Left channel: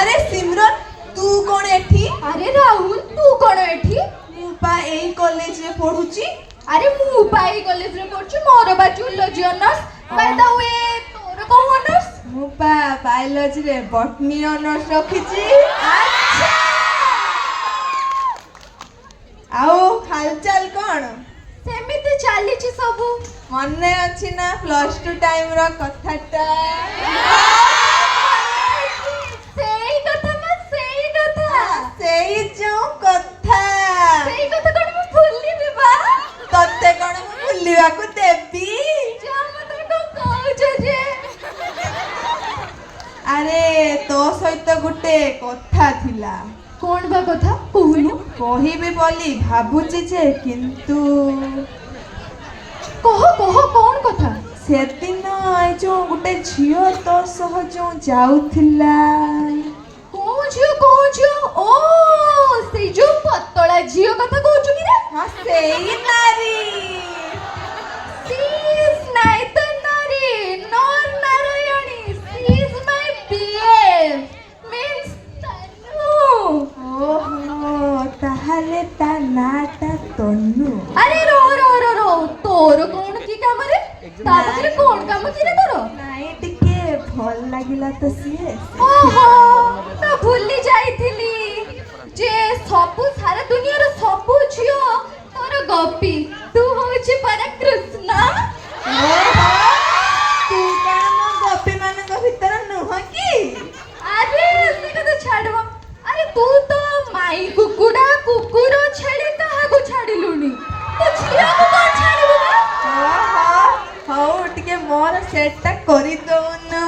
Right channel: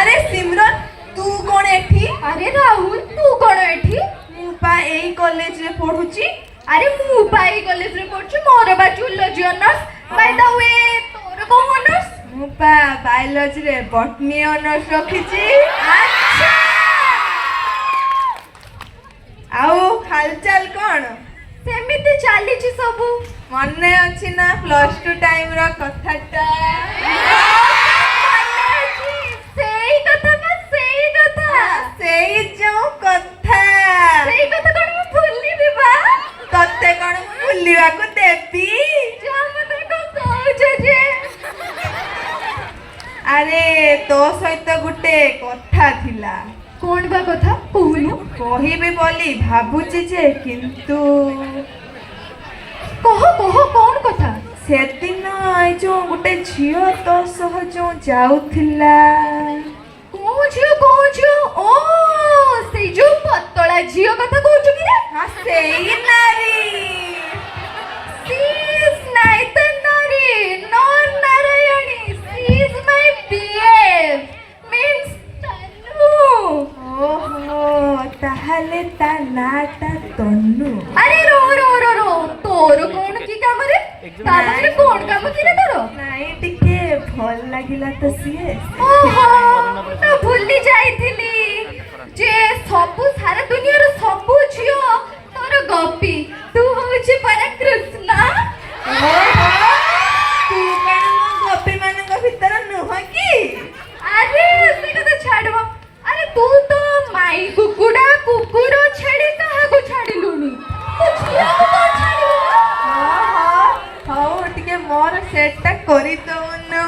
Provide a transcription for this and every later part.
अरे सिमरन तू कौन एठी? अरे राहुल तू कौन एठी? मु पा एई कॉलेज रे पढुची। अरे मु पाई कॉलेज रे पढुची मोर बा zoology honours. By the way तोर को ऑनर्स? मु पा बायोलॉजी रे बॉटनी ऑनर्स रखिची। अच्छा आउ हालचाल कौन? सेमिति चालीची सबु मने अछि ना प्लस 2 टाइम रो कथाटा? सेई कथा बा सेई कथा सेई जो कथा सेई कथा कोन मु भूली देबा तते कोन मु भूलिबा को देबी जो मते को कहू जे अरे तो सहित गुटे कथा थिला। कोन बा कथा कहूनु? कहिबी बोली भाबुची जे किंतु कह कह कोन कथा? से दिन आई जो गुटे झियो तो सह जो जाउथिला। कोन झियो ओ से जो पतला झियो कथा कहू कि रे? हां सेई नारी She's Naithanari, not Narayani. She's my BF. Means Tanu. ओहो ताहले ता नाटा तन्नु। अरे रो तोर कोण की काम रे? तारे कोण काम की रे तोर? नाई टिके भल लागिला तो सिए। ओहो ना भूली जाईथिली जे सबु सारा दुनिया रो सबु झियो तोर गोपी तू होछि पर कृष्ण। तू कण म गोपी मानक भीतर नुह की? अरे से कथा छाड़वा। अरे तू तो माई कुकुड़ा कुकुर छेड़ी कहा को छाड़िलुनी कुछ तो छाड़िबो ना? हौ टिके मोर सेटटा करी दोनु।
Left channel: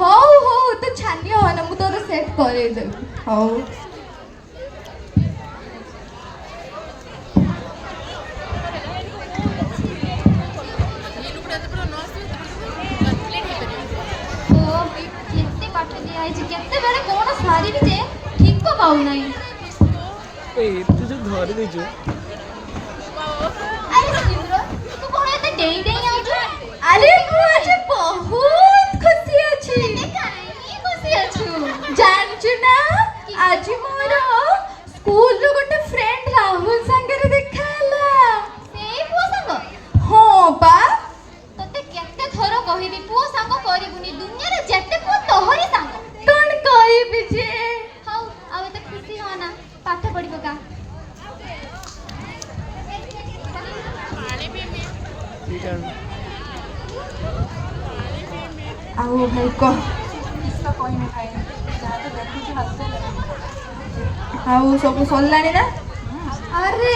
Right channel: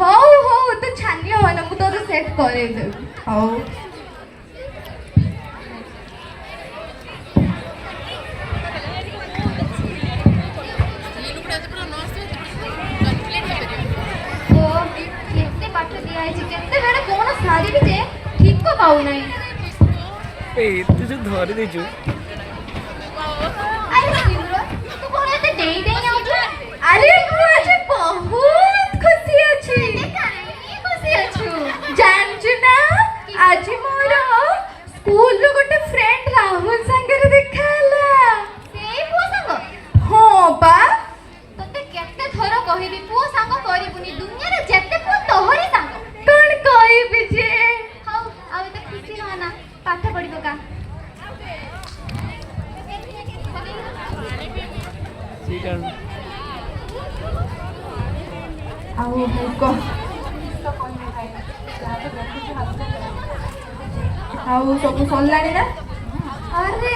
हो तो छानियो हो ना मु तोर सेट करे दे। हौ केते पाठ दिया है केते बेले कोन सारी भी जे ठीक को पाउ नहीं। ए तू जो धरि दे जो अरे तू कोन एते देई देई आउ जो? अरे तू आज बहुत खुशी अछि। खुशी अछि जानछु ना आज मोर स्कूल रो गोटे फ्रेंड राहुल संगे देखाला। सेई पो संग? हो बा तते केते थोर कहिबी पो संग करिबुनी दुनिया रे जेते पो तोहरी संग कोन कहिबी जे? हौ अब त खुशी हो ना पाठ पढिबो का? ठीक है आउ मुको आउ सब सल्लानी ना? अरे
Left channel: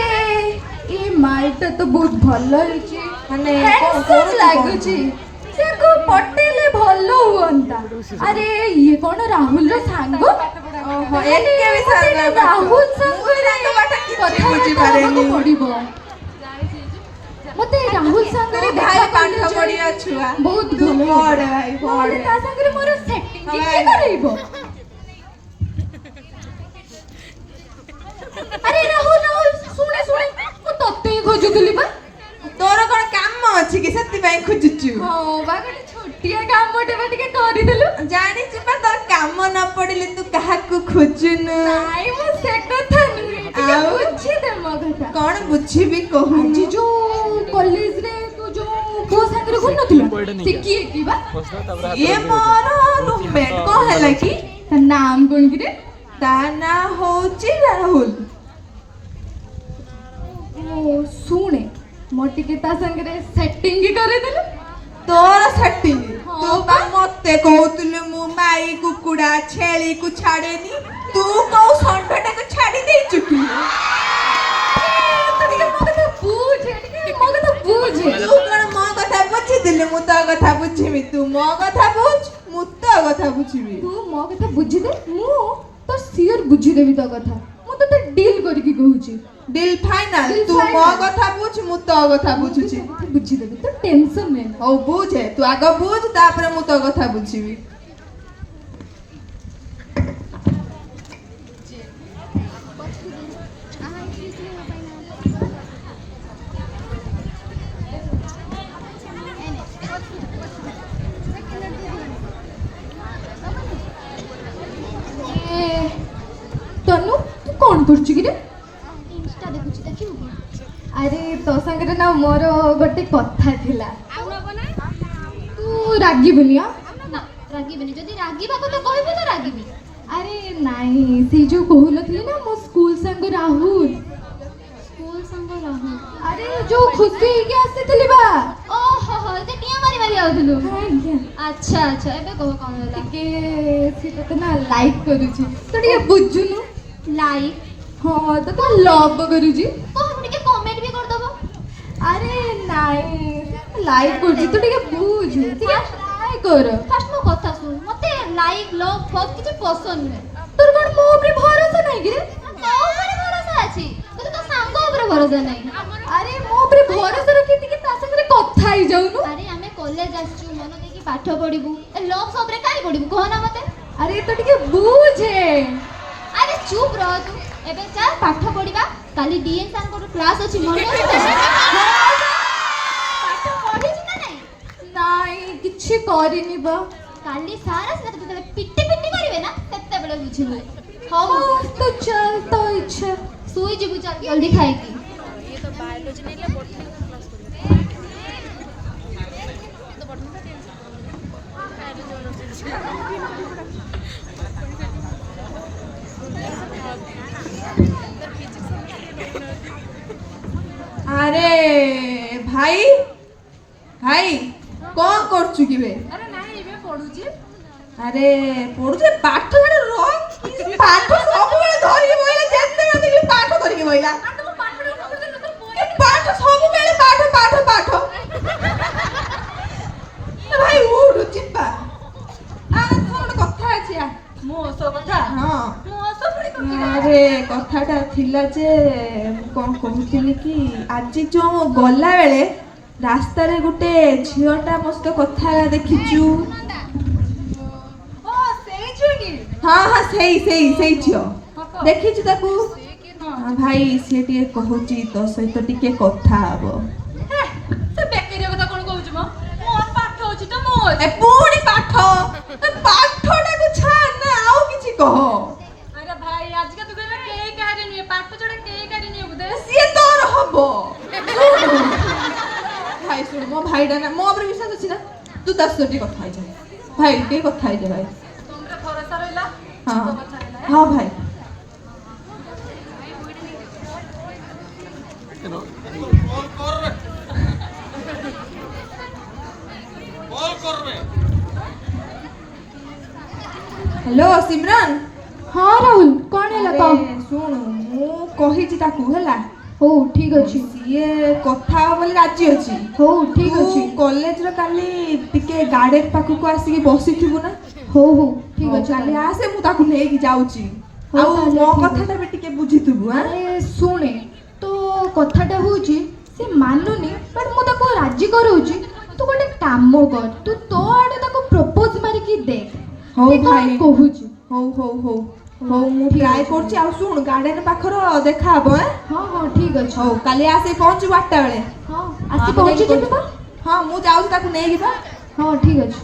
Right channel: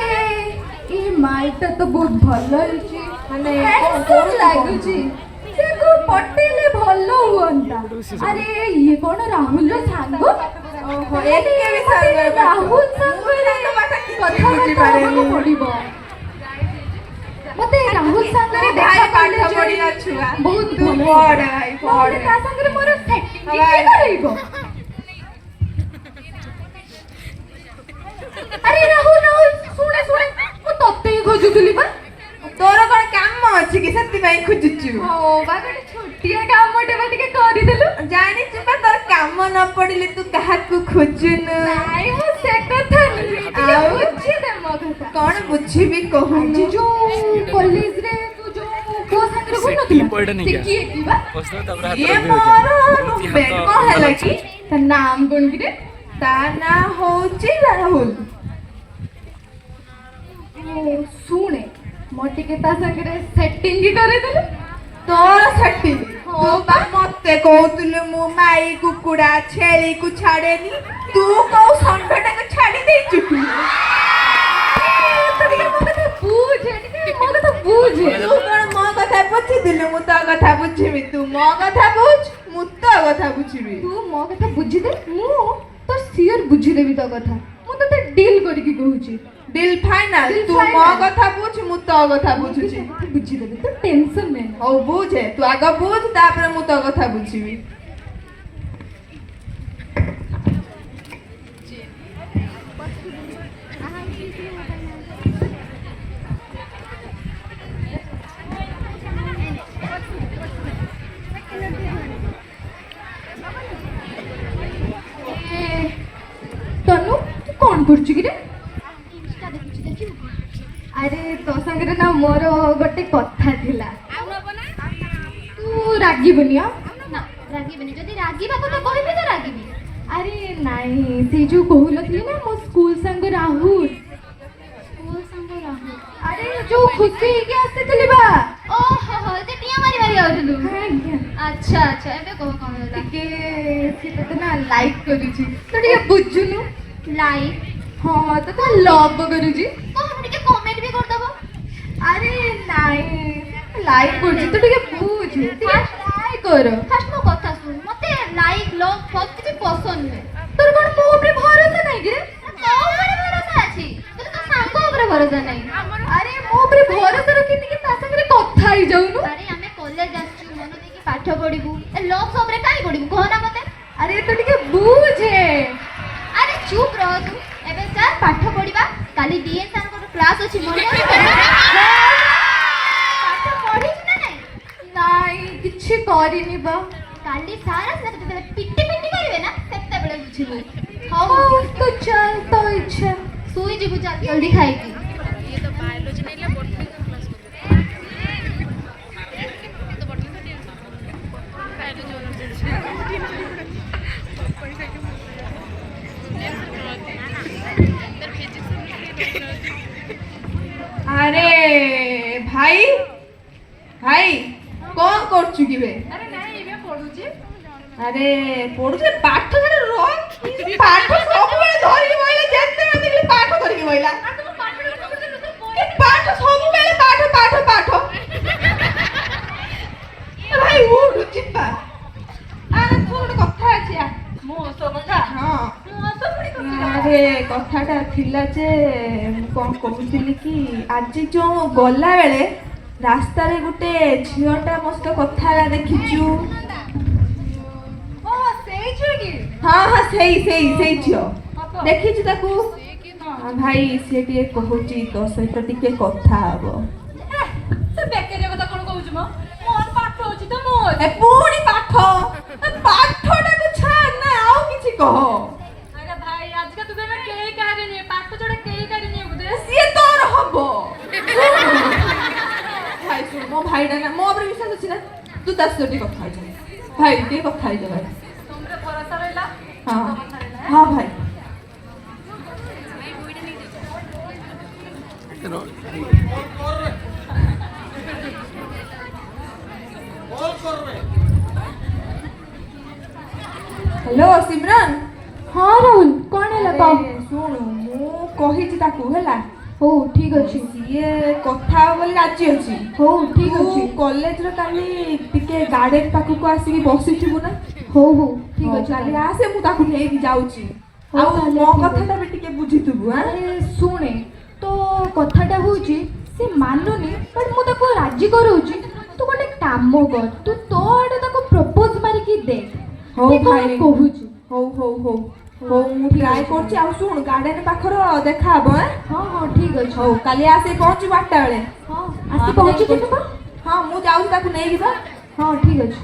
ई माइटा तो बहुत भलो हिची माने हैंडसम लागुची से को पटेले भलो हुंता। अरे ये कोन राहुल रो सांगो? ओहो एके भी सांग राहुल संग रे कथा बुझी पारेनी। पडिबो मते राहुल संग रे भाई देखा पाठ पढ़िया छुआ बहुत तू भलो पढ़ भाई पढ़। ता संग रे मोर सेटिंग भाई। के करइबो। अरे राहुल सुने मु तत्ते ही खोजुतली बा। तोर कोन काम अछि कि सेति भाई खोजुचु? हो बा गोटे छोटिया काम मोटे बा टिके करि देलु। जानि छिपा तोर काम न पड़िले तू काहा को खोजुनु? नाइ मु से कथा टिके बुझी दे म कथा। कोन बुझिबी कहू जी जो कॉलेज रे तू जो क्यों संग रे से कोन की पढ़ नहीं क्या? की की बा? बस तबरा हाथ ये रे मोर हो नुबे कोन हला की? त नाम कोन की रे? ता ना होची राहुल। ओ सुने म टिके ता संग रे सेटिंग ही करे देलु। तोर सेटिंग हाँ। तू बा मते कहउतले मु माई कुकुड़ा छेली को छाड़ेनी तू को संडटा को छाड़ी दे चुकी। तो टिके म कथा बुझे टिके म कथा बुझे। तू कोन मो कथा बुझी दिले मु तो कथा बुझिबी तू मो कथा बुझ मु तो कथा बुझिबी। तू म कथा बुझी दे मु तो सियर बुझी देबी तो कथा। मु तो डील କରିକି କହୁଛି दिल फाइनल दिल तू मो final। कथा बुझ मु तो कथा बुझुची ବୁଝିଦେବି ତୁ ଟେନସନ ନେ ओ बुझे तू आग बुझ तापर मु तो कथा बुझिबी ତନୁ ତୁ କଣ କରୁଛୁ କି ରେ ଇନଷ୍ଟା ଦେଖୁଛି ଦେଖିବୁ ଆରେ ତୋ ସାଙ୍ଗରେ ନା ମୋର ଗୋଟେ କଥା ଥିଲା ତୁ ରାଗିବୁନି ଆ ନା ରାଗିବିନି ଯଦି ରାଗିବା କଥା କହିବି ତ ରାଗିବି ଆରେ ନାଇଁ ସେଇ ଯୋଉ କହୁନଥିଲି ନା ମୋ ସ୍କୁଲ ସାଙ୍ଗ ରାହୁଲ ସ୍କୁଲ ସାଙ୍ଗ ରାହୁଲ ଆରେ ଯୋଉ ଖୁସି ହେଇକି ଆସିଥିଲି ବା ଓହୋ ହୋ ସେ ଟିଆ ମାରି ମାରି ଆଉଥିଲୁ ଆଜ୍ଞା ଆଚ୍ଛା ଆଚ୍ଛା ଏବେ କହ କଣ ହେଲା ଟିକେ ସେ ତତେ ନା ଲାଇକ୍ କରୁଛି ତୁ ଟିକେ ବୁଝୁନୁ ଲାଇକ୍ ହଁ ତତେ ଲଭ୍ କରୁଛି କହ ଟିକେ କମେଣ୍ଟ ବି କରିଦବ ଆରେ ନାଇଁ ଲାଇକ୍ କରୁଛି ତୁ ଟିକେ ବୁଝ ଟିକେ ଟ୍ରାଏ କର ଫାଷ୍ଟ ମୋ କଥା ଶୁଣ ମତେ ଲାଇକ୍ ଲଭ୍ ଫବ୍ କିଛି ପସନ୍ଦ ନୁହେଁ ତୋର କଣ ମୋ ଉପରେ ଭରସା ନାହିଁ କି ରେ ତୋ ଉପରେ ଭରସା ଅଛି କିନ୍ତୁ ତୋ ସାଙ୍ଗ ଉପରେ ଭରସା ନାହିଁ ଆରେ ମୋ ଉପରେ ଭରସା ରଖି ଟିକେ ତା ସାଙ୍ଗରେ କଥା ହେଇଯାଉନୁ ଆରେ ଆମେ କଲେଜ ଆସିଛୁ ମନ ଦେଇକି ପାଠ ପଢିବୁ ଏ ଲଭ୍ ସବରେ କାଇଁ ପଢିବୁ କହ ନା ମତେ ଆରେ ତୁ ଟିକେ ବୁଝେ ଆରେ ଚୁପ୍ ରହ ତୁ ଏବେ ଚାଲ ପାଠ ପଢିବା କାଲି ଡିଏନ୍ ସାରଙ୍କର କ୍ଲାସ୍ ଅଛି ମନେ ଅଛି ପାଠ ପଢିଛୁ ନା ନାଇଁ ନାଇଁ କିଛି କରିନି ବା କାଲି ସାର୍ ଆସିଲେ ତତେ ଯେତେବେଳେ ପିଟି ପିଟି କରିବେ ନା ସେତେବେଳେ ବୁଝିବୁ ହଉ ହଉ ତୁ ଚାଲ ତୋ ଇଚ୍ଛା ଶୋଇଯିବୁ ଚାଲ ଜଲ୍ଦି ଖାଇକି अरे भाई भाई कौन करछु की बे ଆରେ ନାଇଁ ଏବେ ପଢୁଛି अरे पढुछे पाठ माने रो पाठ सब बेले धरि बइला जेते ना देखली पाठ करके बइला ए पाठ सब बेले पाठ पाठ पाठ ए भाई उठ चित्ता अरे सुन कथा अछि ମୋ ସହ କଥା हां ମୋ ସହ ପୁଣି କଥା अरे कथाटा थिला जे कौन कहूଥିଲି कि आज जो गला बेले रास्ता रे गुटे झियोटा मस्त कथा देखिचु ଓ ସେଇ ଝିଅ କି हाँ हाँ सही झियो देखिचु ताकू भाई से टिके कहूची तो सहित टिके कथा हबो ସେ ବେକାରିଆ କଥା କଣ କହୁଛୁ ମ ମୋର ପାଠ ଅଛି ତ ମୁଁ ए पूरी पाठ पाठटा को छाड़ ना आउ किछि कह ଆରେ ଭାଇ ଆଜିକା ତୁ କହିଲା କେହି କାହାରି ନୁହେଁ ପାଠ ଛଡା କେହି କାହାରି ନୁହେଁ ବୋଧେ सिए तोर हबो भाई सुन मो भाईडा ना मो ऊपर विश्वास अछि ना तू 10 टी कथा है भाई टी कथा है भाई ତମର ଭରସା ରହିଲା हाँ हाँ भाई हेलो सिमरन ହଁ ରାହୁଲ କଣ ହେଲା ତ अरे सुन मु कहिची ताकू हला ହଉ ଠିକ ଅଛି ସିଏ କଥା ହବ ବୋଲି ରାଜି ଅଛି ହଉ ଠିକ ଅଛି କଲେଜର କାଲି ଟିକେ ଗାର୍ଡେନ ପାଖକୁ ଆସିକି ବସିଥିବୁ ନା ହଉ ହଉ ଠିକ ଅଛି କାଲି ଆସେ ମୁଁ ତାକୁ ନେଇକି ଯାଉଛି ହଉ, ଆଉ ତାହେଲେ ମୋ ଠିକ କଥାଟା ବି ଟିକେ ବୁଝିଥିବୁ ଆଁ ଆରେ ଶୁଣେ ତୋ କଥାଟା ହଉଛି ସେ ମାନୁନି ବଟ୍ ମୁଁ ତାକୁ ରାଜି କରଉଛି ତୁ ଗୋଟେ କାମ କର ତୁ ତୋ ଆଡେ ତାକୁ ପ୍ରପୋଜ ମାରିକି ଦେ ହଉ ସେ କଣ ଭାଇ କହୁଛି ହଉ ହଉ ହଉ ହଉ ମୁଁ ଠିକ ଟ୍ରାଏ ଅଛି। କରୁଛି ଆଉ ଶୁଣ ଗାର୍ଡେନ ପାଖର ଦେଖା ହବ ଆଁ ହଁ ହଁ ଠିକ ଅଛି ହଉ କାଲି ଆସି ପହଞ୍ଚିବୁ 8ଟା ବେଳେ ହଁ ଆସି ହଁ, ପହଞ୍ଚିଯିବୁ ତ ହଁ ମୁଁ ଯାଉଛି ତାକୁ ନେଇକି ବା ହଁ ଠିକ ଅଛି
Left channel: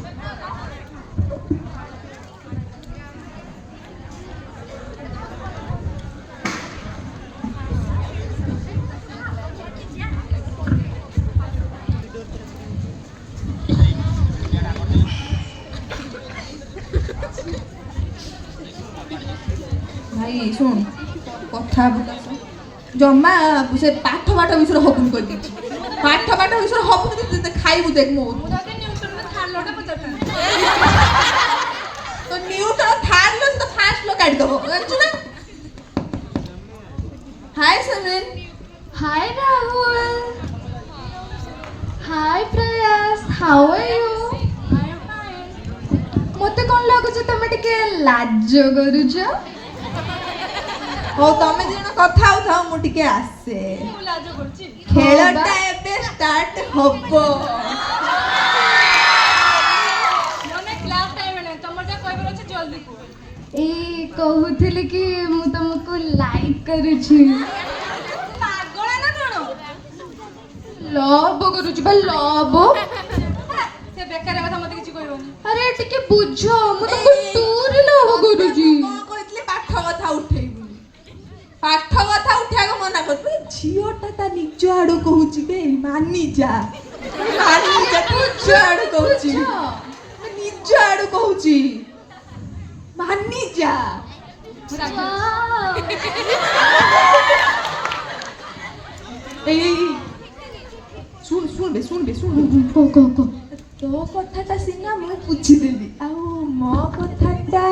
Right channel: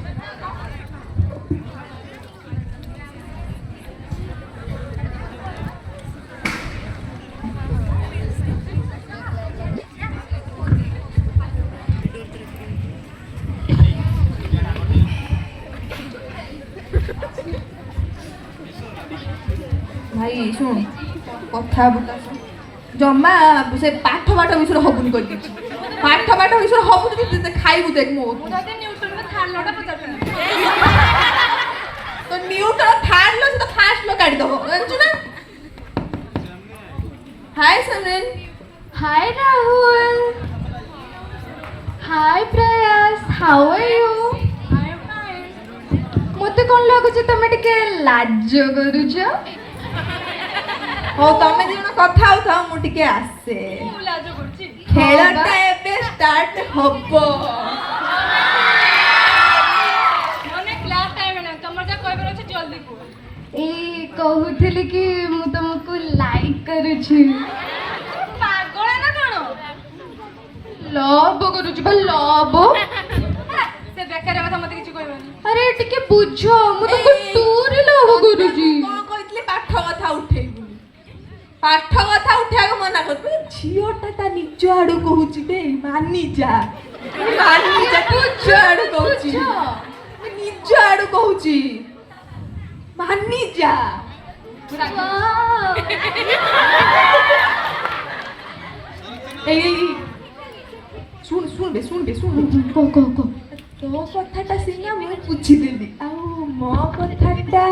ଭାଇ ଶୁଣ କଥା ଜମା ସେ ପାଠ ବିଷୟରେ ହବୁନି କହିଦେଇଛି ପାଠ ବିଷୟରେ ହବୁନି ଖାଇବୁ ଦେଖ ମୋ ତ ନ୍ୟୁଟନ ଥାର୍ଡ ଲ ତ ଫାର୍ଷ୍ଟ ଲ କାଢିଦବ ଜାଣିଛୁ ନା ହାय ସମରେନ Hi Rahul. Hi Prayas. How are you? I'm fine. ମତେ କଣ ଲାଗୁଛି ତମେ ଟିକେ ଲାଜ କରୁଛ ହଉ ତମେ ଦି ଜଣ କଥା ହଉଥାଅ ମୁଁ ଟିକେ ଆସେ। ଖେଳଟା ଏବେ ଷ୍ଟାର୍ଟ ହବ। ଏ କହୁଥିଲି କି ମୁଁ ତମକୁ ଲାଇକ୍ କରୁଛି। ଲଭ୍ କରୁଛି ବା ଲଭ୍। ଆରେ ଟିକେ ବୁଝ ମୁଁ ତମକୁ ଟୁରେ ଲଭ୍ କରୁଛି। କଣ କହିଥିଲି ପାଠ କଥା ଉଠେଇବୁନି। ପାଠ କଥା ଉଠେଇବାକୁ ମନା କରୁଛୁ। ଝିଅଟା ତା ନିଜ ଆଡୁ କହୁଛି ବେ ମାନି ଯା ନିଜ ଆଡୁ କହୁଛି ନିଜ ଆଡୁ କହୁଛି ମାନି ଯା। ଏଇ ଶୁଣବେ ତୋ କଥାଟା ସିନା ମୁଁ ବୁଝିଦେଲି ଆଉ ମୋ କଥାଟା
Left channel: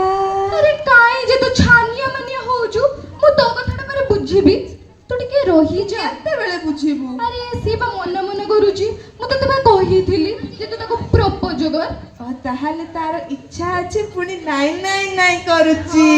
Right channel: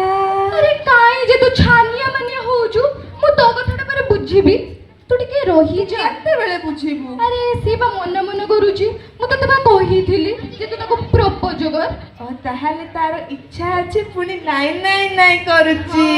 ଆରେ କାଇଁ ଯେ ତୁ ଛାନିଆ ମାନିଆ ହଉଛୁ ମୁଁ ତୋ କଥାଟା ପରେ ବୁଝିବି ତୁ ଟିକେ ରହିଯା। କେତେବେଳେ ବୁଝିବୁ? ଆରେ ସେ ବା ମନେ କରୁଛି ମୁଁ ତତେ ବା କହିଥିଲି ଯେ ତୁ ତାକୁ ପ୍ରପୋଜ କର। ତାହେଲେ ତାର ଇଚ୍ଛା ଅଛି ପୁଣି ନାଇଁ କରୁଛି।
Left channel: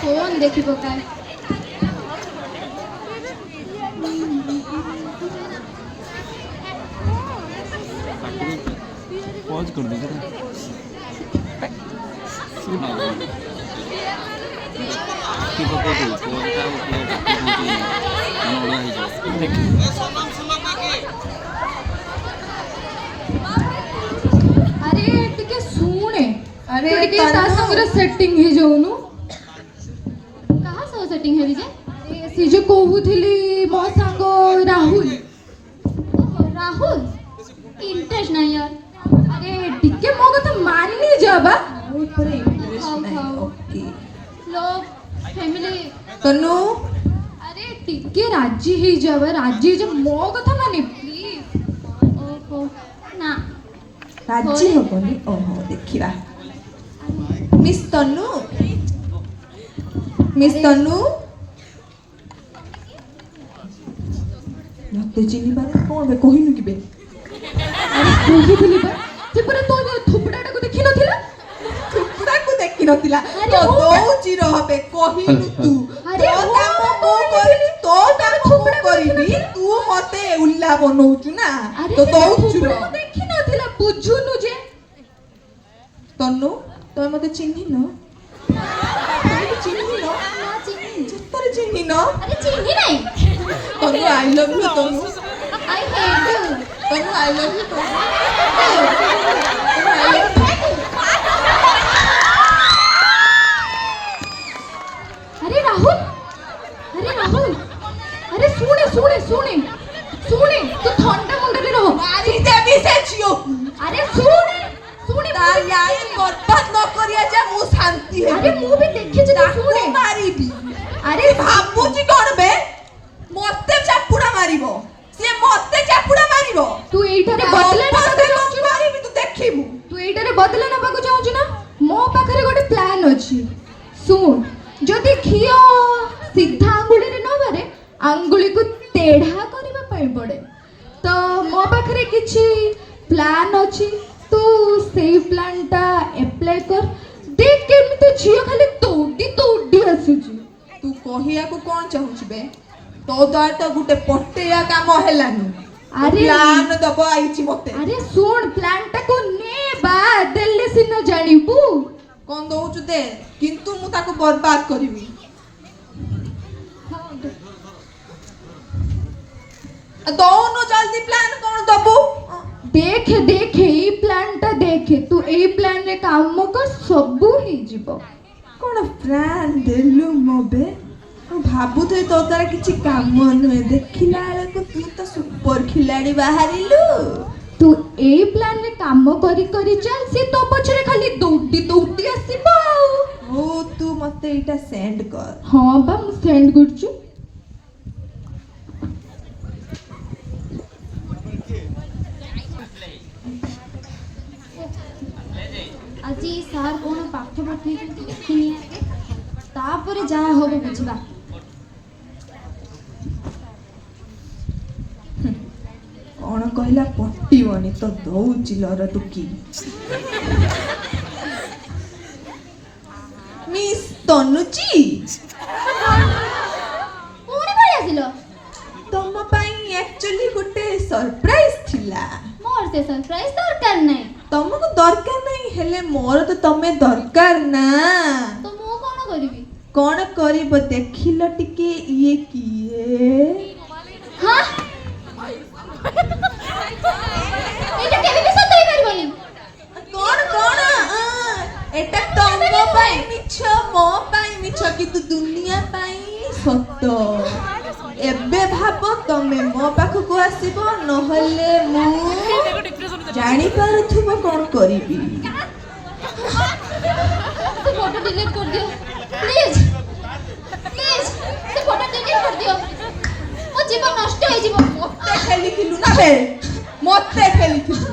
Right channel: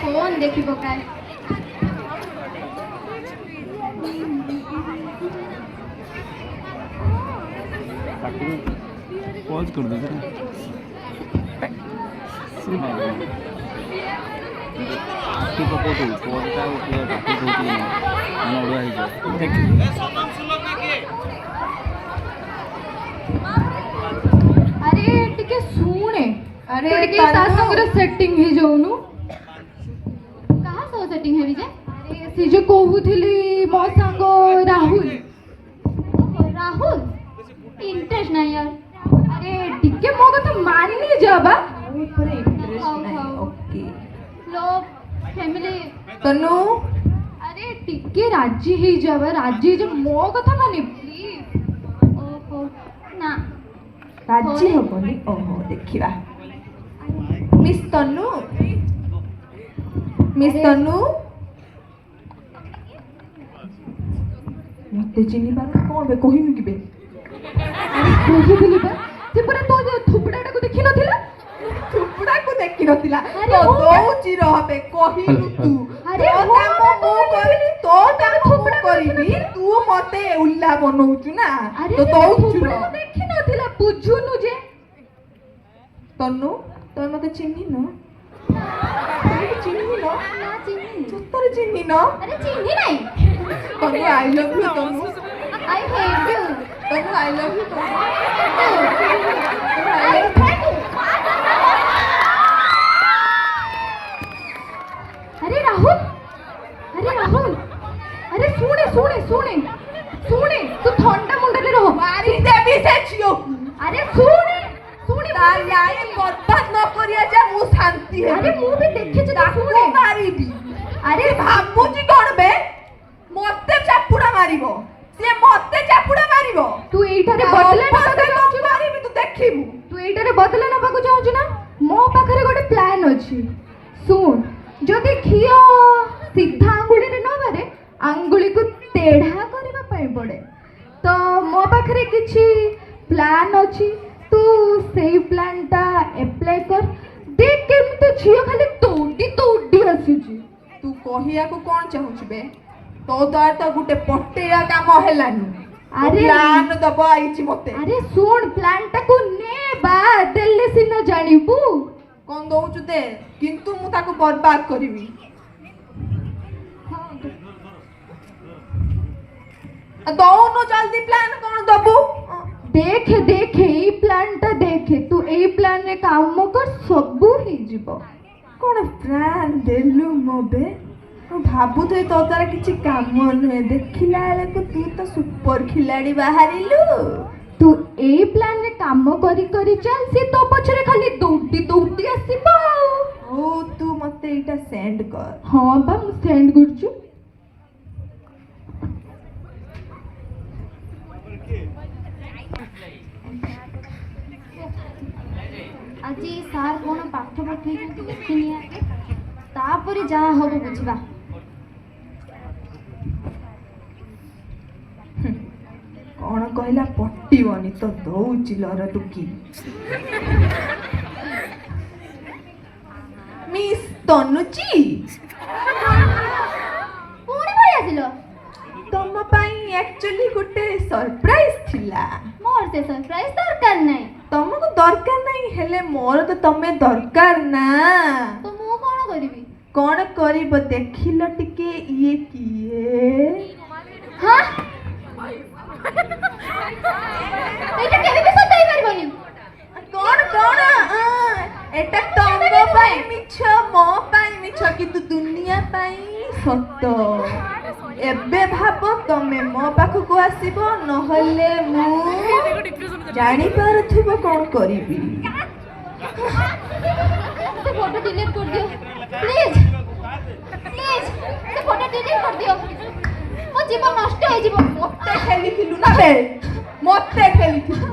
ଫୋନ୍ ଦେଖି ପକାଏ। पॉज कर दो जरा आखि पकोतु पॉजटा उठले आखि पकोतु मन ओडिया ही जाए देख अरे टिके सुने अरे तू टिके ता संगरे सेटिंग हे जाउनु। कहाँ सो सेटिंग है विजय? से जो कहूथिली मो संग राहुल। राहुल इंटरेस्ट नहीं यार। अरे टिके मो कथा माननी जाबा। ऊपर इंटरेस्ट नहीं। ओके लोग फैमिली तनु अरे टिके राजी ही जाबा राजी जे मो कथा माने प्लीज। ओहो ना राजी हबनी। ओहो देखिबा मिस तनु मते चिन्हिबार कोन बे कहिनु कि बे? अरे कहिथिली बा जे परे तो थुपड़ाटा को देखि नथिला। थुपड़ा को देखि नथिला अरे तो हो दोउची रहबे कहिनु तू। अरे तो हो काम मो करी तो काम थुपड़ा करिबी तू मते उल्ला बनौचु ना अरे तो दोउचु थुपड़ा को देखि नथिला बुझुनु जे। तनु तो मते चिन्हि न चिन्हि न सत्तर चिन्हि न। अरे चिन्ही नहीं। Tanu I love you Tanu I hate you. Tanu I love you Tanu अरे राहुल अरे सुने तू ठंडा मुंडले रहो। मारी देबी से छियो। अरे सुने तार याए बर्बाद न करिया जा मु शांति है। अरे मु भी देखि जे सुने मारीबी। अरे भाबुची कोन बे मते चापुड़ा मारिबो से मते चापुड़ा मारिबो। तू एइटारे बदला ना चाहूछु मारिबी तू देखिबू। तू एइटारे बदला ना बाकू चाहूछु ना मो पाखरे गोटे प्लान अछि। सुन जदि खियो सीधा आंगुली रे न बारे आंगुली को टेढ़ा करबा पई पड़े तो मो पाखरे किछि प्लान अछि तू सेही प्लानटा अप्लाई कर देख केमिते झियो खाली तोडी आसीछि। तू कहिया को कोन चाहूछु बे तो द्वार तो गुटे पटेया काम हेलानी। अरे प्लान दबा आइछि मते। अरे सुन प्लानटा को ने बा देले सिना जानिबू। कोन दउछु दे किंतु मु ताको बर्बाद करिबी। दोनो जल्दी प्लान कोन दबो। देखे एई प्लानटा देखे तू एई प्लान रे काम कर सबु ही जिवो। कोन प्लान देलु मोबे भाबु तो तो तार किछि काम नुहे देखिला बेले को तू तो सुपर खिलाड़ी बाहरिलु। तू एई प्लान रे काम करी चल से तो पछरे खाली दौड़ी आसीबो। ओ तू मते इटा सेंड कर। हां बा मु सेंड करछु। आज सार कौन पाठ ପାଖରେ ଦେଖିନି ଆଗେ ତାପରେ ଯାହା ହବ ବୁଝିବା। କଣ କହିଲା ପଟିବନି ତ ଦଉଛି ଲର ଟୁକି। ମିସ୍ ତନୁଚି ପୁଣି ପଳେଇ ଆସିଲ। ତମ ପାଇଁ ଆକ୍ଚୁଆଲି ଗୋଟେ ସରପ୍ରାଇଜ ଥିଲା। ମୋର ସେ ସରପ୍ରାଇଜ ଦରକାର ନାହିଁ। ତମକୁ ଦରକାର ନାହିଁ ହେଲେ ମୋର ତ ତମେ ଦରକାର ନା। ତ ମୁଁ କଣ କରିବି? କଣ କରିବ ଦେଖିଲ ଟିକେ ଇଏ କିଏ? ହଁ ଏଇଟା କେବେ ବି ସତ ହେଇପାରିବନି। କଣ କଣ ଏଟା ତମ ପାଇଁ ମିଛ ମୋ ପାଇଁ ମିଛ କିନ୍ତୁ ଦୁନିଆ ପାଇଁ ସତ। ଏବେ ଭାବ ତମେ ମୋ ପାଖକୁ ଆସିବ ନହେଲେ ମୁଁ ଜାଣିପାରୁଥିବ କଣ କରିବି। ସେ ଫଟୋ डिलीट कर दियो प्लीज प्लीज ସେ ଫଟୋ डिलीट कर दियो। ମୋ ଜୀବନ ନଷ୍ଟ ହେଇଯିବ। ମତେ ଖେଳିଥିଲୁ ନା ବେ ମତେ ଖେଳିଥିଲୁ।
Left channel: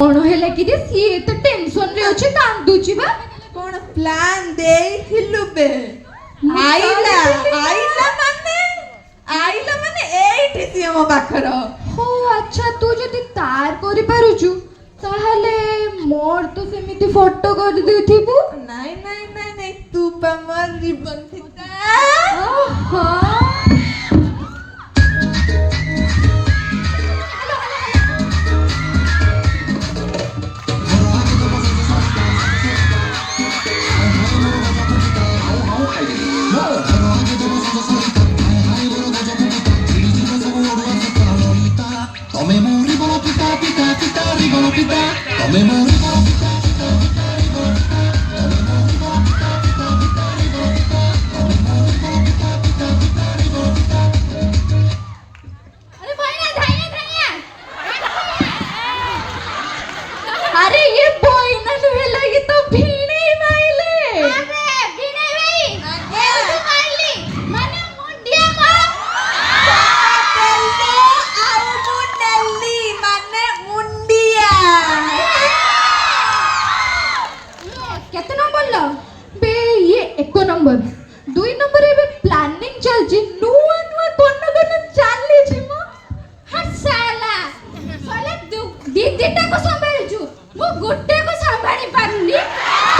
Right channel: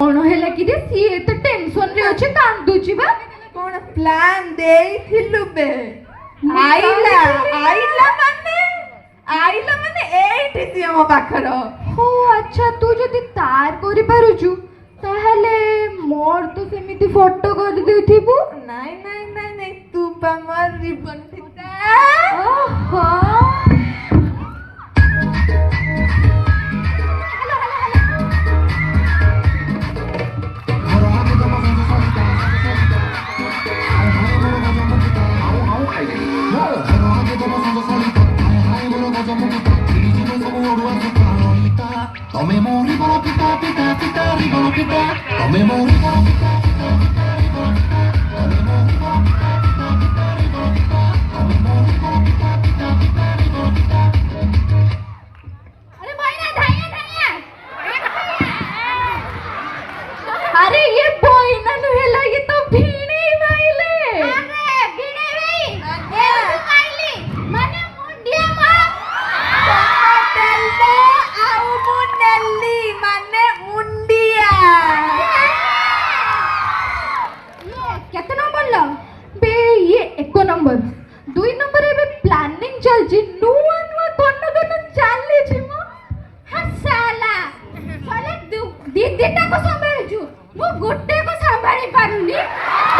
କଣ ହେଲା କି ରେ ସିଏ ଏତେ ଟେନସନ ରେ ଅଛି କାନ୍ଦୁଛି ବା। କଣ ପ୍ଲାନ୍ ଦେଇଥିଲୁ ବେ? ଆଇଲା ମାନେ ଏଇଠି ସିଏ ମୋ ପାଖର। ଓ ଆଚ୍ଛା ତୁ ଯଦି ତାର କରିପାରୁଛୁ ତାହେଲେ ମୋର ତ ସେମିତି ଫଟୋ କରିଦେଇଥିବୁ। ନାଇଁ ନାଇଁ ନାଇଁ ନାଇଁ ତୁ ପା ମୋର ରିବନ ଫିତା। ଓହୋ अरे भैया धैया धैया। अरे ये बहिना नुहेला ये तो भिणे माइले। अरे विनय भाई ये तू माइली माने मुंडिया को ତେଲ ଆଉ ମୁଁ ନେଲି ମାନେ ମୁଣ୍ଡିଆ। କେତେ ନମ୍ବର ଲ बे ये एक नंबर 2 नंबर एबे प्लानिंग चलची नुआ नुआ कोन कोन चाली छी म हसाला साले दीदीटा को संभाळिछु मु गुट्टे को संभाळी पारुनी।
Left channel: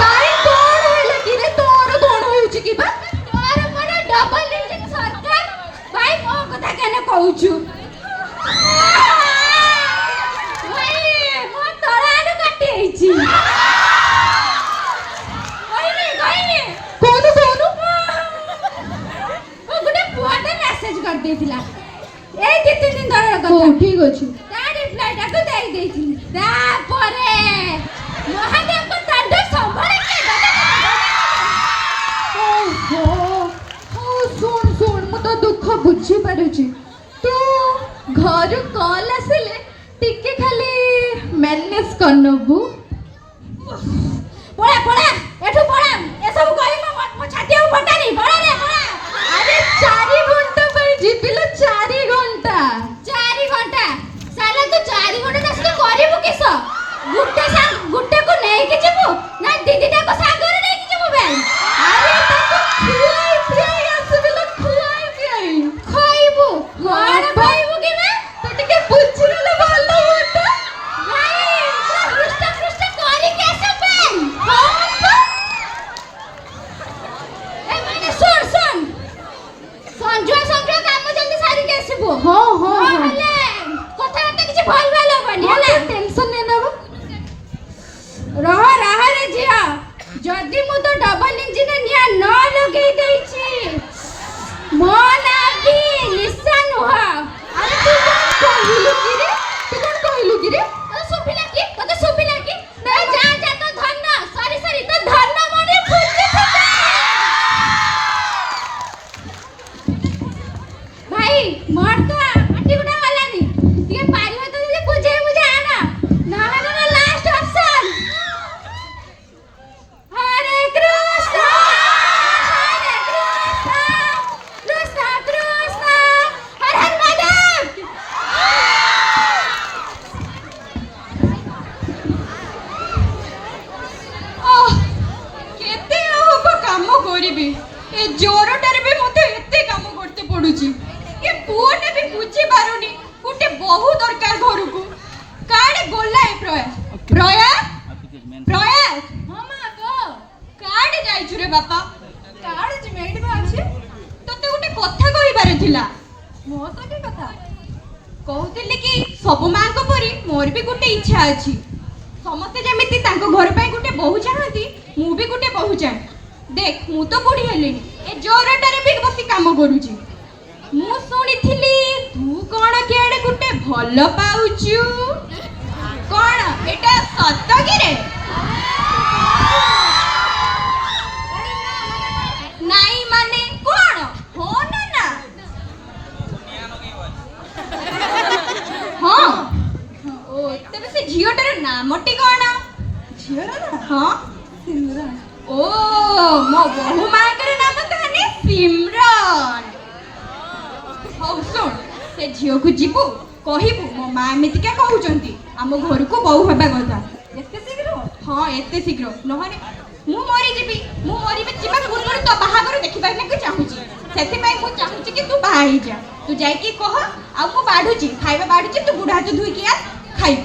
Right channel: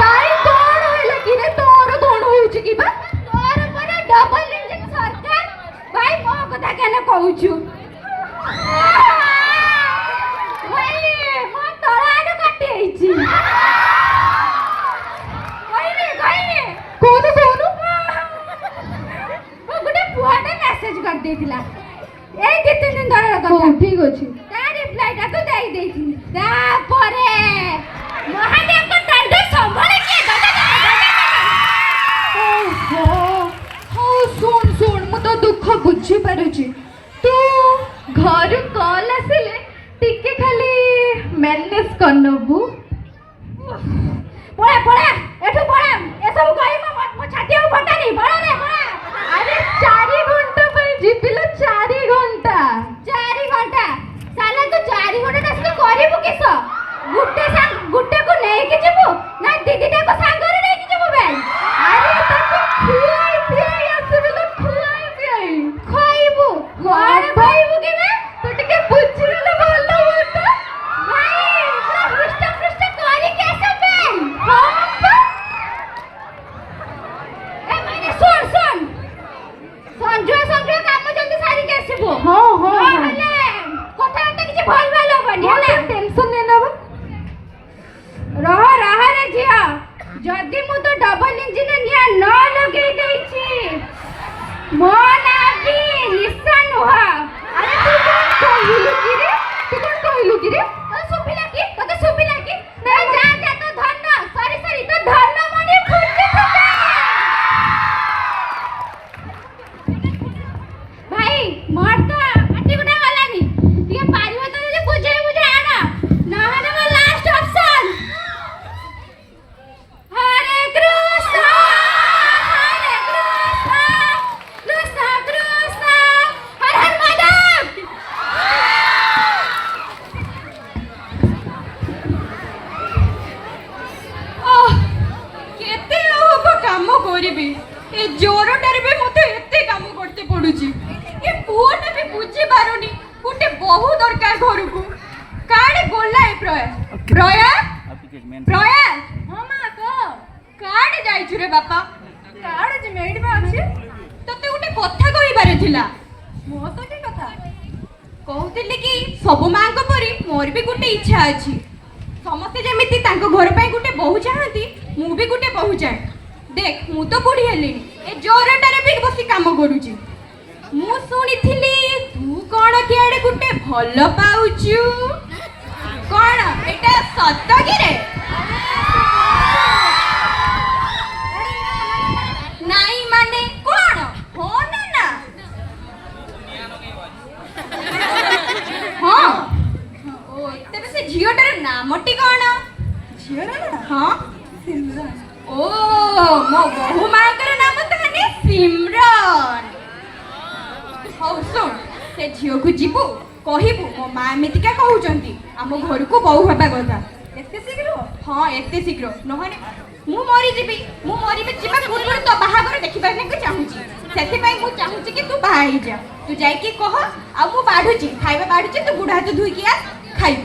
ताई कोन होला कि रे तोर कोन होउची कि बा तोर परे डबल इंजन सरकार भाई मो कथा केने कहूछु। भाई मो तळाडू काटी आइछि। कहिने कोन कोन मो गुटे पुआटे मेसेज कर देथिला ए 2-3 दिन धरर हो कथा ठीक अछि। ତା ରିପ୍ଲାଇଟା ତୁ ଦେଇ ଦେଇଥିଲି ତାପରେ ମହାଦେବଙ୍କ ଦାଣ୍ଡ ସମ୍ଭାଳିକି ओहो हो सुन सुन मु तो दुख बुझी पारुची तू घर कॉल आसिले टिके खाली मैनेज करनबू। ପଳା ପଳା ଏଠୁ ପଳା ଏସବୁ କହିବ ମୋ ଛାତି ଆଉ ଫଟାନି ପଳା ରେ ପଳା। अरे 4 घंटा पर जिबिलो 4 घंटा 4 ଘଣ୍ଟା ସାଲା ତୁ 4 ଘଣ୍ଟା ତାସ ତୁ କରିବୁ କିସ? ଗୁଟେ କୁ ନେଇକି ଯିବୁ ନା ଦିଦିଟାକୁ ସାଙ୍ଗରେ ନେଇକି ଯିବୁ ବେ? अरे ताको खुआई पियाई आसिबिलो खुआई पियाई ଖାଇବୁ କଣ ଖାଇବୁ କି ବେ? तो टिके बुझिले ଭଲ होता। ଭାଇ ପୃଷ୍ଠ ପୃଷ୍ଠ କରିକି ଆସ ବେ। ଏ ମାନେ ଶୁଣ ଶୁଣ ସଞ୍ଜୟ କାମ ଜଲ୍ଦି ସାରିକି ଆସିବୁ। हाँ हाँ ନହେଲେ କଥାବାର୍ତ୍ତା କିଛି ଭଲ ଭଲ ହବନି ହେଲା। टेंशन लेना बा ରହ ରେ ଝିଅ ଯଦି ମୁଁ ତ ଡବଲ ଇଞ୍ଜିନ ନିଆଁ ନ ଲଗେଇ ଦେଇଛି ମୋ ନାଁ ବି ନିଶା ନୁହଁ। अरे तू कौन कहलु कि रे तू कौन कहलु कि रे ତତେ ଶୁଭିଲା କି ଏ ଯା ଯା ତୋ ଧନ ସରି ତୋ ଧନ ମଣି ଫୁଟି ଭାଇ ମୋର ତ ପାଟି ଗୁଡ଼ା ଗଲାନି ଟିକେ ପାରିବ ତ ଯଦି ବୁଝେଇ ଆଣ ନହେଲେ ମୋ ଲାଷ୍ଟ ଅପସନ। ହରେ କରିବି ଏ ଜ୍ୱରଟାରେ ବି ମୋତେ ଏତେ କାମ କରତେ ପଡୁଛି ଏ ପୁଅଟା ବି ବୁଝି ପାରୁନି ଗୋଟେ ବହୁ ଦରକାର ଘରକୁ କାଡେ ଗଲା ଏ ପ୍ରୟାସ ପ୍ରୟାସ ହଁ ମା କହ କାଡେ ଯାଇଛୁ ରେ ବାପା କାଡେ ଯେ ମେଡି ମା ଅଛି ତତେ ଗୋଟେ କଥା କହିବାର ଥିଲା ମୋ ସହିତ କଥା କହୁଥିଲି କି ସବୁ ମାଙ୍କ ପରି ମୋର ବି ଗୋଟେ ଇଚ୍ଛା ଅଛି ସମସ୍ତେ ଯେମିତି ତାଙ୍କ ଘର ପାଇଁ ଗୋଟେ ବୋହୂ ଚାହାନ୍ତି ମୁଁ ବି ଗୋଟେ ବୋହୂ ଚାହେଁ ଦେଖ ମୁଁ ତ ବୁଢୀ ହେଲିଣି ଏ ଜ୍ୱରଟାରେ ବି ବସି କାମ କରୁଛି ମୁଁ ଶୁଣିଥିଲି ତୁ କଣ କିଆଡେ ଗୋଟେ ଭଲ ପାଉଛୁ କଣ ଏଟା ସତ କିରେ ନାଇଁ ମାନେ କଣ ହଁ ନା ନା ହଁ ଓ ତେବେ ସେ ଝିଅଟାର ନାମଟି କଣ ଝିଅର ନା ହଁ ସିମରନ ଓ ମୋ ବୋହୂ ମାଙ୍କର ନାମ ତାହେଲେ ସିମରନ ହଉ ଶୁଣ ସେ ଝିଅକୁ ଯିବୁ କହିବୁ ମୋ ମା ଏମିତିକା କହୁଛନ୍ତି ଆମ ଘରକୁ ବୋହୂ ହେବା କଥା ଏତେ ଶୀଘ୍ର ହଁ ଏତେ ଶୀଘ୍ର ନହେଲେ ମୁଁ ମରିଯିବି ମୁଁ ମରିବି ଯିବା ପୂର୍ବରୁ ତୋ ବାହାଘର ଦେଖିବାକୁ ଚାହୁଁଛି ସେଥିପାଇଁ ମୁଁ ଚାହୁଁଛି କି ତୁ ବାହା ହେଇଯା ତୁ ଯାଇକି କହ ଆଉ ମୁଁ ବାଢୁଛି ଖାଇବା ବାଢୁଛି ତୁ ବୁଢା ହାତ ଧୋଇକି ଆ ଖାଇବୁ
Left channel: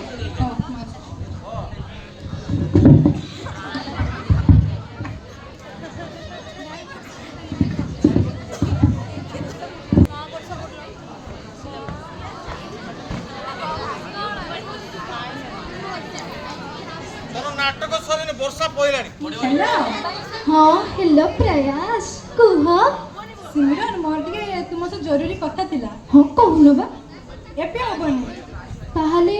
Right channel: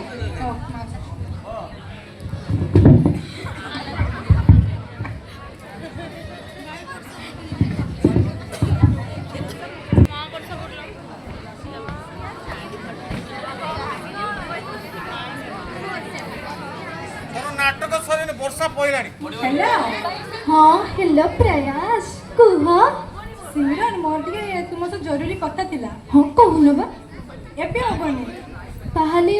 नाटक सर वर्षा पड़ाणी हेलो ହଁ ହ୍ୟାଲୋ ପ୍ରୟାସ କୁହ ସିମରନ ମୋର ଟିକେ ତୁମ ସହ ଜରୁରୀ କଥା ଥିଲା ହଁ କହୁନ ବା ଏବେ ହବନି ତାହେଲେ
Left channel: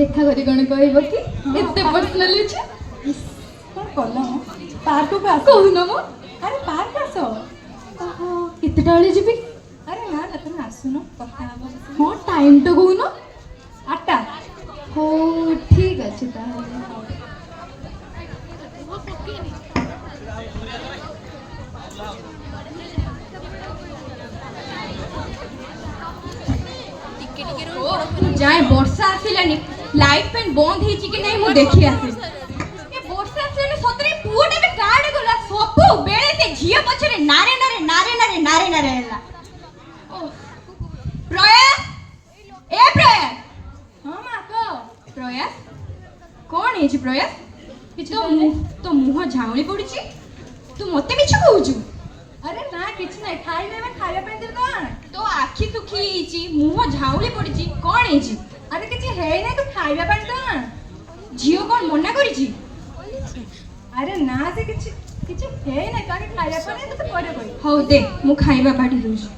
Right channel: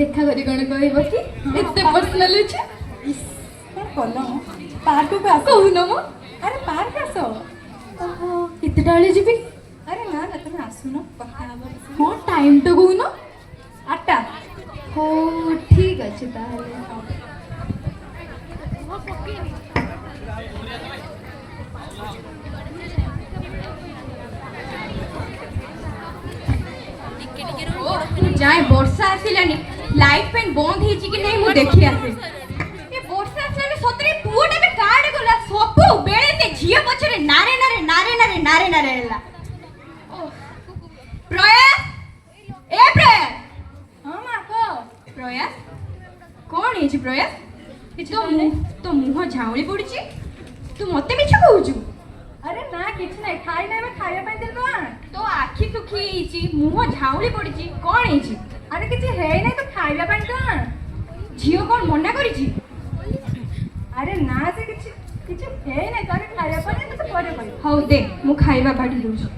ଦେଖା କରି କଣ କହିବ କି ଏତେ ପର୍ସନାଲ ଅଛି ଇସ୍, କଣ କଲ ପାର୍କକୁ ଆସ କହୁନ ମ ଆରେ ପାର୍କ ଆସ ଓହୋ କେତେଟା ବେଳେ ଯିବି ଆରେ ନା ନା ତମେ ଆସୁନ କଥା ହବ ହଁ ଟାଇମ୍ ତ କହୁନ 8ଟା ହଉ ଠିକ୍ ଅଛି ତାହେଲେ ଯାଏ ବର୍ଷା ଆସିଲାନି ଲାଇଟ୍ ଫ୍ୟାନ୍ ବନ୍ଦ ହେଇଛି କି ନାହିଁ ମୁଁ ଦେଖି ଆସେ ଏ ବର୍ଷା ଆସିଲାନି ସତରେ ପୁଅଟା ବି କାଡେ ଗଲା ସବୁବେଳେ ସେ ଝିଅ ପଛରେ ନାରେ ନାରେ ନାରେ ନାରେ ନାରେ ନାରେ ହେଲା ଓଃ। ପ୍ରୟାସ ଏ ପ୍ରୟାସ ହଁ ମା କହ ପ୍ରୟାସ କଣ ହେଇଛି ପ୍ରୟାସ ତୋ ମୁହଁ ଝାଉଁଳି ପଡିଛି ତୁ ମତେ ମିଛ କହୁଛୁ ଆରେ ନା କିଛି ନାହିଁ ଖାଇ ନାହିଁ ଖାଇବା ପାଇଁ ଦେବ ତୋ ଆଖି ଶୁଖି ହେଇଛି ମୁହଁ ଝାଉଁଳି ପଡିଛି କଣ ହେଇଛି ଆରେ କିଛି ହେଇନାହିଁ ତୁ ଖାଇବା ପାଇଁ ଦେ ଝିଅ କଣ ମନା କରିଛି ଆରେ ନା ସେ କିଛି କିଛି ହେଇନାହିଁ ତୁ ଆରେ ଖାଇବା ପାଇଁ ତତେ ପରେ କହିବି ହଉ ଦେ ମୁଁ ଖାଇବା ବାଢି ଦଉଛି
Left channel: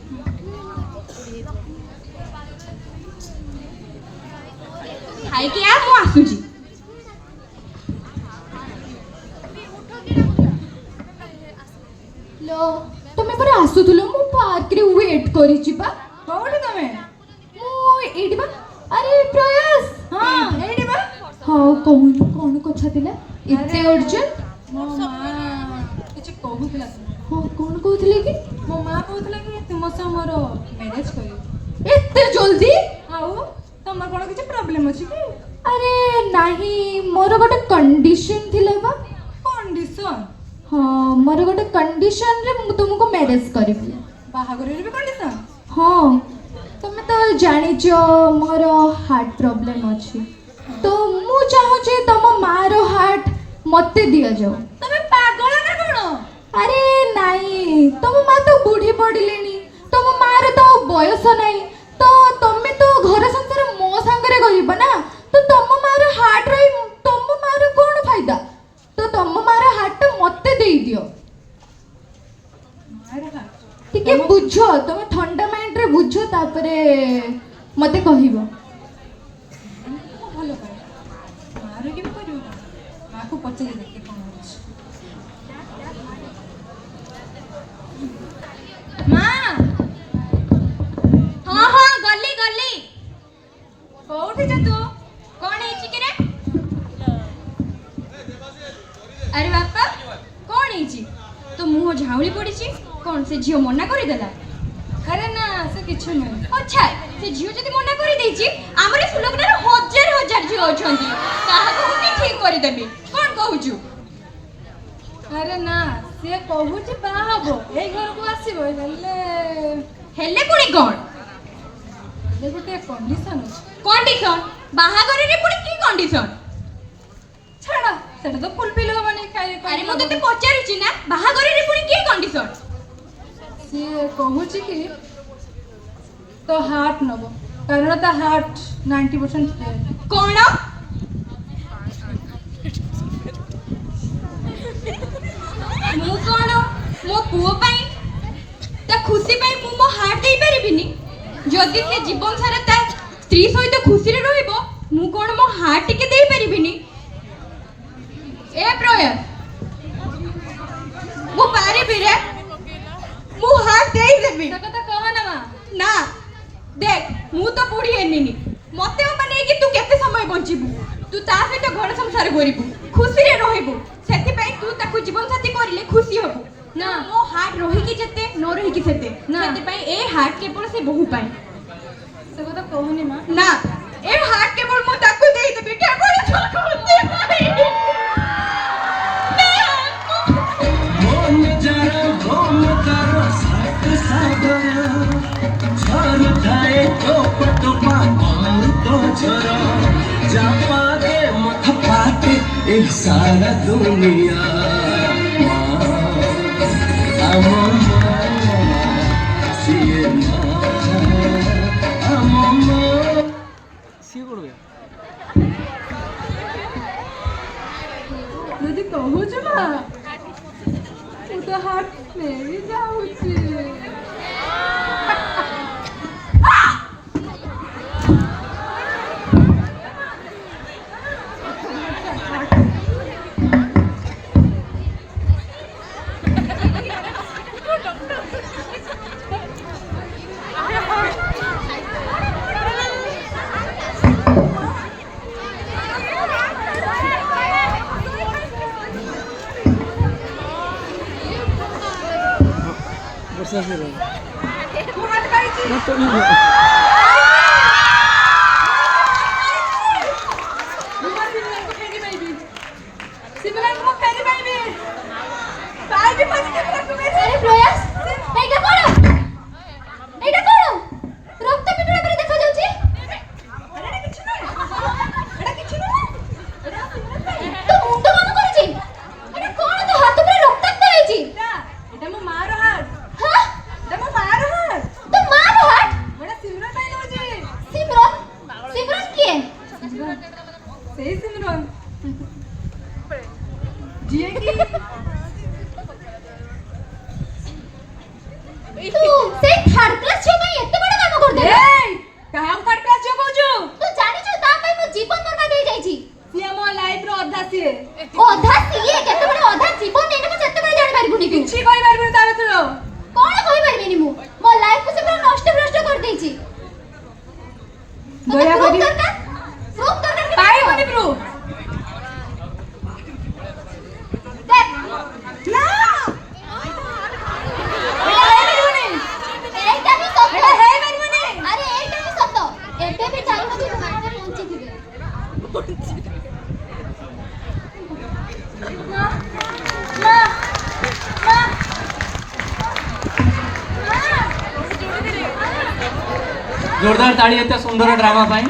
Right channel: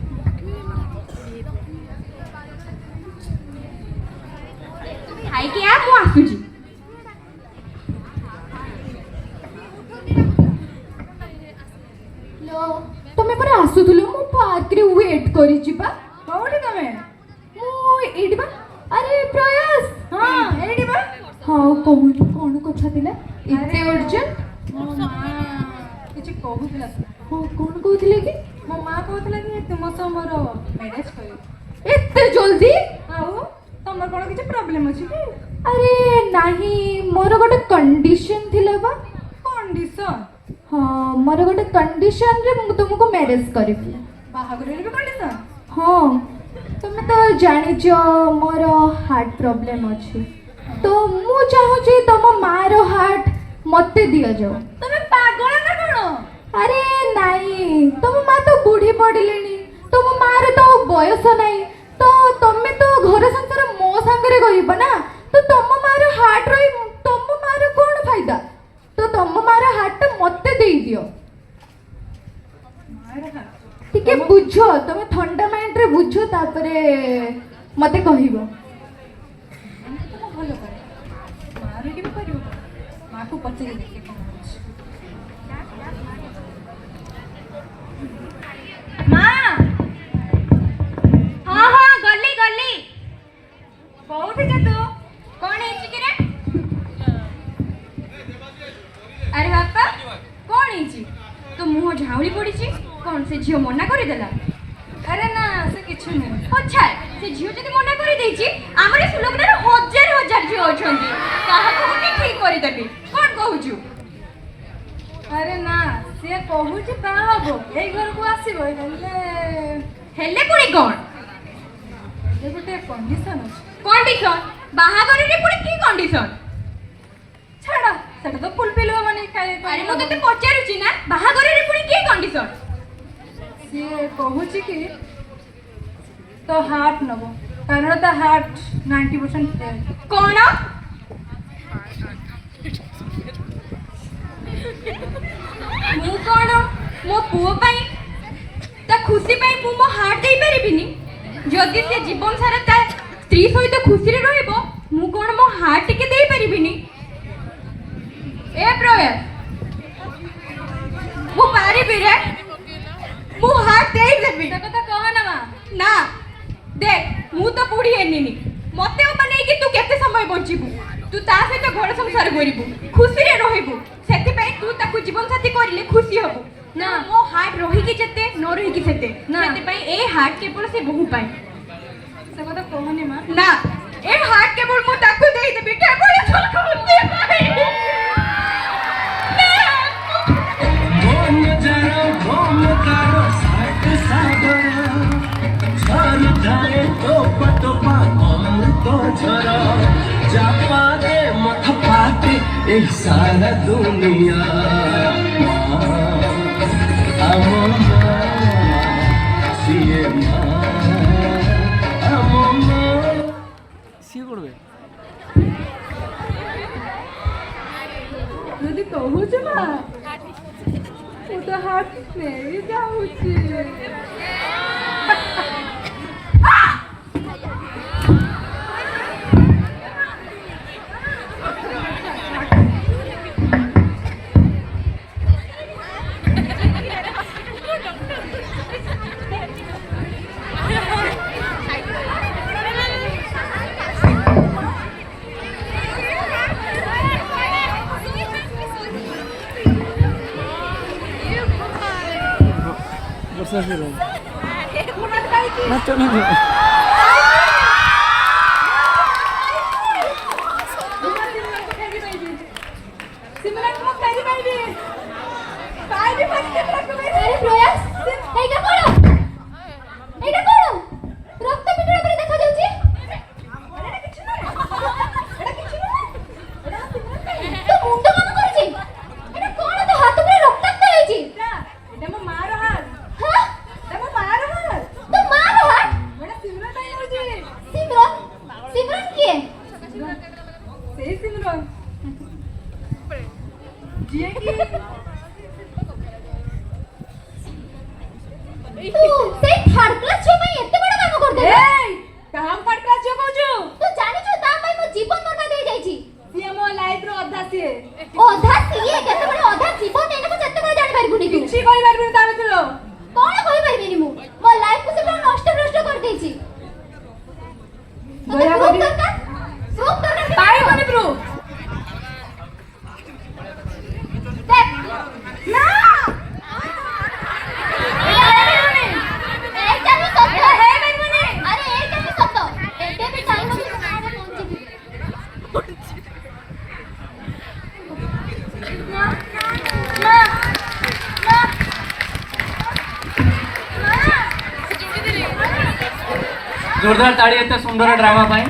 ଖାଇକି ଆ ମୁଁ ଆସୁଛି लो ତମେ ପରା ଆସୁଥିଲ ମୁଁ ପାର୍କରେ ୱେଟ୍ କରିଛି ବା କୋଉଠି ତମେ ମୁଁ ଏଇଠି ବା ଆରେ ପ୍ରୟାସ ହଁ ଏଇଠି ବା ହଁ କହୁନୁ କଣ କଥା ଥିଲା ଏତେ ଅର୍ଜେଣ୍ଟ ମୋ ମା କିଛି କହୁଥିଲା ହଁ କଣ କହୁଥିଲେ କି ମୋ ମା କହୁଥିଲା କି ତୁମ ସହ ମୋର ମ୍ୟାରେଜ କରିବି ଏତେ ଜଲ୍ଦି ଆଉ ତମର କଣ କିଛି ପ୍ରୋବ୍ଲେମ ଅଛି କି ଆରେ ନାହିଁ ମୋର ଗୋଟେ କଣ୍ଡିସନ ଥିଲା ବା କଣ୍ଡିସନ ହଁ ମୋର ଗୋଟେ କଣ୍ଡିସନରେ ମୁଁ ତୁମକୁ ମ୍ୟାରେଜ କରିବି ବାହାଘରରେ ବି କଣ୍ଡିସନ ହଁ ତମେ ତ ଜାଣିଛ ମୋର ହାର୍ଟ ପ୍ରୋବ୍ଲେମ ଅଛି ତ ମୁଁ ଚାହୁଁଛି ତମ ମାର ହାର୍ଟ ମତେ ଦିଆଯାଉ ତମେ ପାଗଳ ନା କଣ ଆରେ ନାଇଁ ତମ ମା ତ ବୁଢୀ ପଡିଲେଣି ତମ ମାର ତ ବୟସ ନାହିଁ ତ ତମେ ତ ଘର ସଂସାର ମୋ ସାଙ୍ଗରେ କରିବ ନା ତ ତମ ମାର ହାର୍ଟ ରହି ତମ ମାର କଣ ଫାଇଦା ତ ତମ ମାର ହାର୍ଟ ମତେ ଦେଇଦିଅ ମାର ହାତ ଟିକେ ବୁଝ ତମେ ଥଣ୍ଡା ମାଇଣ୍ଡରେ ବୁଝ ତାପରେ ମତେ କହିବ ଭଲ କରେ ମାର କେବେ କରିବ ମାକୁ ପଚାରି ଦେଖେ କଣ ଅଛି ମା ହଁ ହଁ ଗଲି ଗଲି କୋଉଠି ଯେ ତୁ କଣ ହେଇଛି କି ରେ ଆରେ ବାପା କଣ ହେଇଛି ତୋ ମୁହଁ ଝାଉଁଳି ପଡିଛି କଣ ସେ ଝିଅ ମନା କରିଦେଲା ଆରେ ନା ସେ କିଛି ନୁହେଁ ଆଚ୍ଛା ସେ ଝିଅ ଯଦି ମନା କରିଦେଇଛି ଆମର ଏ ସୁଲଗ୍ନାରେ ହଜାର ହଜାର ଝିଅ ଅଛନ୍ତି କାହାକୁ ଗୋଟେ ଠିକ କରିଦେବି କଣ କହୁଛୁ ଆରେ ନା ସିଏ କହୁଛି ବାହା ହବ ଏଇ ଘରକୁ ଆସିବ ହେଲେ ପୁଣି କଣ ଏବେ ଗୋଟେ କଣ୍ଡିସନ ଅଛି କଣ୍ଡିସନ ବାହାଘରରେ ପୁଣି କି କଣ୍ଡିସନ ଛାଡ ସେଟା ତ ଫୁଲଫିଲ ହବନି ଆରେ ମୁଁ ତତେ ପଚାରୁଛି ନା ବାହାଘରରେ ପୁଣି କି କଣ୍ଡିସନ ସିଏ କହୁଛି କି ତ ହାର୍ଟ ନବ କାରଣ ତା ହାର୍ଟ 90% କଣ ମୁଁ କଣ ମୋ ପୁଅ ପାଇଁ ତା ଖୁସି ପାଇଁ ମୁଁ ମୋ ହାର୍ଟ ଦେଇପାରିବିନି ଯଦି ସେ ଜୀବନ ସାରା ତା ସ୍ତ୍ରୀ ସହିତ ଖୁସିରେ ରହିବ ମୁଁ କଣ ମୋ ହାର୍ଟ ଟିକେ ଦେଇପାରିବିନି ଏ ପ୍ରୟାସ ମୁଁ ପାରିବି ରେ ମୁଁ ହାର୍ଟ ଦେଇଦେବି ସେ କଥା କହ ନା ମା ନା देख ମୁଁ ତ ବୁଢୀ ହେନିନି ମତେ ନେଇକି ତୁ କେତେ ସମୟ ବଞ୍ଚିବୁ ତୁ ତା ସହିତ ଘର ସଂସାର କରିବୁ ଖୁସିରେ ରହିବୁ ସେଥିପାଇଁ ତୁ ତାକୁ ଜୀବନ ସାଥୀ କରିଲେ ଖୁସି ହବୁ ନା ମୋ ହାର୍ଟ ରହିକି ଯେତେ ନ ରହିକି ସେତେ ସେଥିପାଇଁ ଏ ହାର୍ଟ କେବଳ ସେ ବୋହୁ ପାଇଁ ସେ କଥା କହନି ମା ନା ଏ ହାର୍ଟ କେବଳ ମୁଁ ତାକୁ ଦେଇଦେବି କେବଳ ତାକୁ ପାଇଁ सारा दुनिया ସିଏ করবে ଯଦି କହୁଛୁ ନା ମୁଁ ତ ହାର୍ଟ ନେଇ ଯାଉଛି ବର୍ଷା ଆସିଲା ନା ତ আরে প্রয়াস এইটা করো রক্ত পিটুরা করে দেখা যাচ্ছে তো মুন্ড কাম করছি এটা কোন তো হাত পুরো রক্তাক্ত হয়েছে এটা ମୋ ମାର ହାର୍ଟ হ্যাঁ এটা ମୋ ମାର ହାର୍ଟ তো মার হাত এটা ସିମରନ ପାଇଁ ନଉଛି সিমরন কিଏ ସେଇ ସିମରନ ଯିଏ କି ତୁ ସେଇ ଥାର୍ଡ କ୍ଲାସ ଝିଅ ପାଇଁ ଏତେ ବଡ଼ କାମ କରିଦେଲୁ ଏଇ କାହାକୁ ଥାର୍ଡ କ୍ଲାସ ଝିଅ କହୁଛୁ ତୁ ଜାଣିଛୁ ତା ପାଇଁ ମୋ ଜୀବନ ବର୍ବାଦ ହେଇଯାଇଛି ସିଏ ମୋ ଲାଇଫର ଅଧା ସିଏ ଅଧା ସିଏ କେତେବେଳେ ଅଧା ଜୀବନ ଦେଇଦେବ ସେତେବେଳେ ଜାଣିପାରିବୁନି ତୁ କିଛି କହିପାରିବିନି ତା ଭିତରୁ କଣ କହିପାରିବିନି ମୁଁ ମୋ ଲାଇଫକୁ ସେ ପୁରା ନଷ୍ଟ ଭ୍ରଷ୍ଟ କରିଦେଇଛି ଦୟା କରି ପ୍ରୁଫ୍ ଦରକାର ପାଇବନି ପ୍ରୁଫ ଦେখ ନା এইটা তো সত্য এটা ହେଇପାରିବନି আরে এইটা তো সত্য এতে ବି ଚାହୁଁଛି ତୁ ମାঝে ପହଞ୍ଚିଥିବେ जोरदार ताड़ी एते सुंदर ड्रामा पाई